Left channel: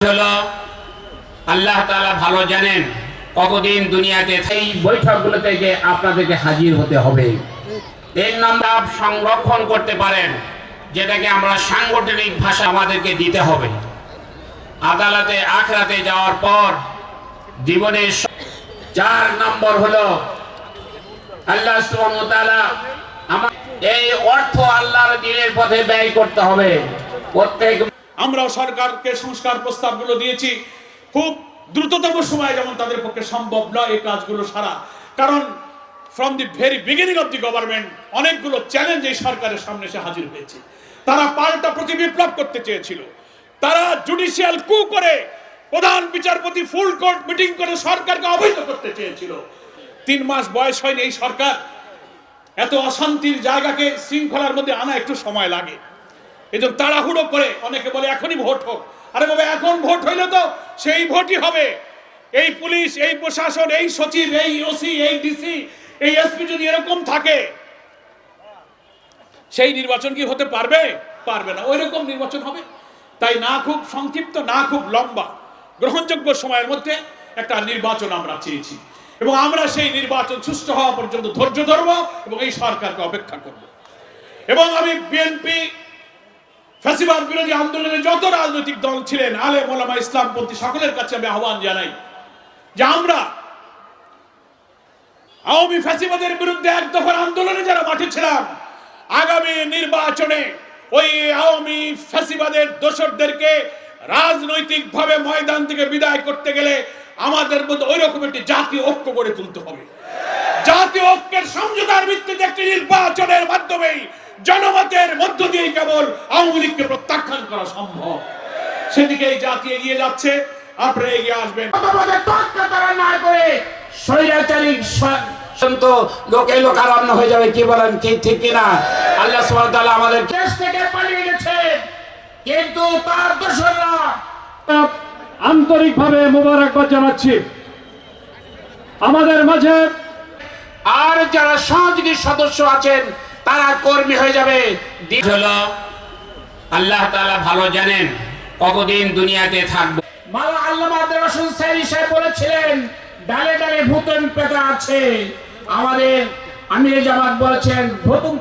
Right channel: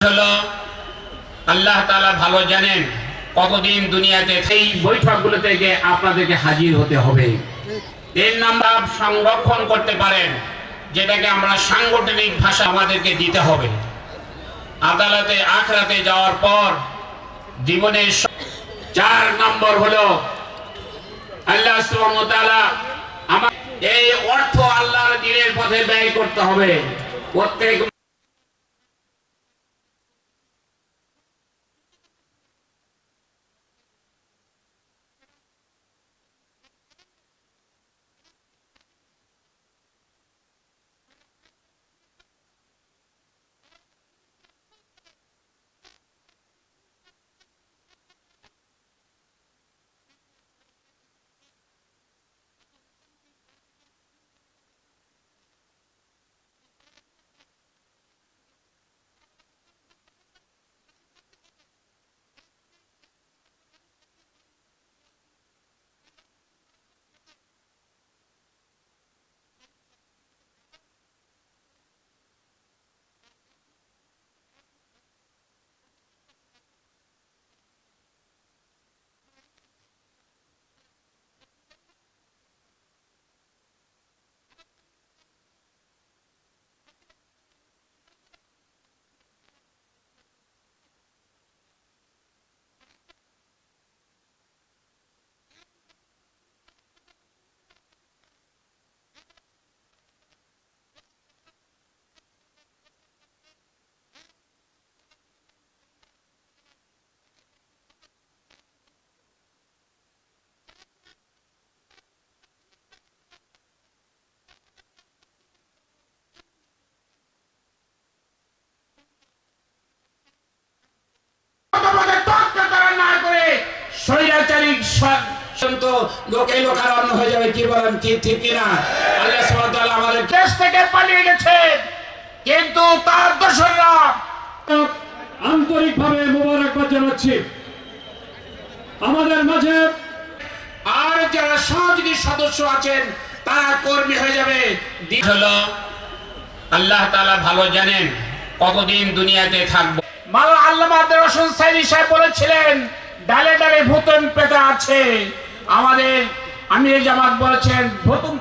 হলো আল্লাহ তাআলা ভালো জানেন কতদিন দুনিয়াতে এই বৈঠকগুলোতে যে আপনাদেরকে হাজির হতে হবে। এর নাম্বার সংরক্ষণ করতে পারেন, যেটাকে আমরা সাংগঠনিক ভাষা আমাদেরকে দিতে হবে। আদালতে আখরাতে যাওয়ার পর জীবনের 4 নম্বর হলো আল্লাহ সুবহানাহু ওয়া তাআলা এই অর্থ আল্লাহর দ্বীনের পথে ব্যয় করতে হবে। প্রত্যেক আমরা সরকারকে সংস্কার প্রস্তাবগুলো দিয়েছি খুব দ্রুততম সময়ে, যেমন তাদের পক্ষে সম্ভব নয় এই কাজগুলো সারা, কারণ from the very beginning of the government অনেকগুলো চ্যালেঞ্জ এই সরকারের সামনে এসে হাজির হয়েছে। তারা পাল্টা প্রতিবিপ্লব করতে চেয়েছিল, তারা জুডিশিয়াল কু করে প্রধান বিচারপতি ফুল কোর্ট মিটিং করে সরকারকে অবৈধ করতে চেয়েছিল। 3 মাস বয়স হয়নি এই সরকার, এত অশান্তির জায়গাকে শৃঙ্খলার মধ্যে আনা একটু সময় লাগে। এই জন্য তাড়াহুড়ো করে অনেকে বলে এখনই ভোট হোক। আরে বাবা, এখন ভোট হইলে তো সেই ভোটই হবে। এই পুলিশ, এই প্রশাসন, এই সচিব, এই ওসি, এই ডিসি, এই এসপি যদি এরকম থাকে, সেই নির্বাচন কি হতে পারবে? পারবে না। ওই রকম নির্বাচন হবে। তাই না খুব সংক্ষিপ্ত, না খুব লম্বা, গ্রহণযোগ্য সময়ের মধ্যে একটা নির্বাচন আমরা চেয়েছি, এবং আমরা সেই নির্বাচন সুষ্ঠু হওয়া পর্যন্ত ধৈর্য ধরবো এবং এই সরকারকে অপেক্ষা করব। এবং আমি বিএনপি, ফ্যাসিবাদ বিরোধী আন্দোলনে যত রাজনৈতিক দল ছিলেন, আলেম ওলামা, ইসলামপন্থী সকলের কাছে আমি আহ্বান জানাই যে আমরা আওয়ামী ফ্যাসিবাদের বিরুদ্ধে এক দফার আন্দোলনে যারা মাঠে ছিলাম, আগামী নির্বাচনে ওই আওয়ামী ফ্যাসিবাদের দোসরদেরকে রাজনৈতিকভাবে ময়দান থেকে বিদায় করতে গেলে আমাদের মধ্যে ওই রকম একটি জাতীয় ঐক্য গড়ে তুলতে হবে। জাতীয় ঐক্যের সমঝোতার ভিত্তিতে একটি নির্বাচনের মাধ্যমেই জনমতের মধ্য দিয়ে কেবল আওয়ামী লীগকে প্রত্যাখ্যান করা সম্ভব। সেদিকে এই জাতি এগিয়ে যাচ্ছে, আপনারা এগিয়ে আসবেন। না করে স্বৈরাচারী লোকে লোকারণ্য হয়ে যাবে। কি বলেন, ঠিক কিনা? আল্লাহ সুবহানাহু ওয়া তাআলা আমাদের দেশ থেকে পালিয়ে গেছে, কিন্তু তার দোসররা আন্তরিকভাবে মোবারকবাদ জানাচ্ছি আমাদের মাঝে। আর যারা সহযোগী সদস্য আছেন তারা কর্মী হয়ে যাবে। হলো আল্লাহ তাআলা ভালো জানেন কতদিন দুনিয়াতে থাকবো। মাওলানা আল্লামা আব্দুর রশিদ সাইদি সাহেব বলেছিলেন, ডালে ডালে ভূতম পেটা আছে। আমাদের আমির জামাত বলেছেন ভূতম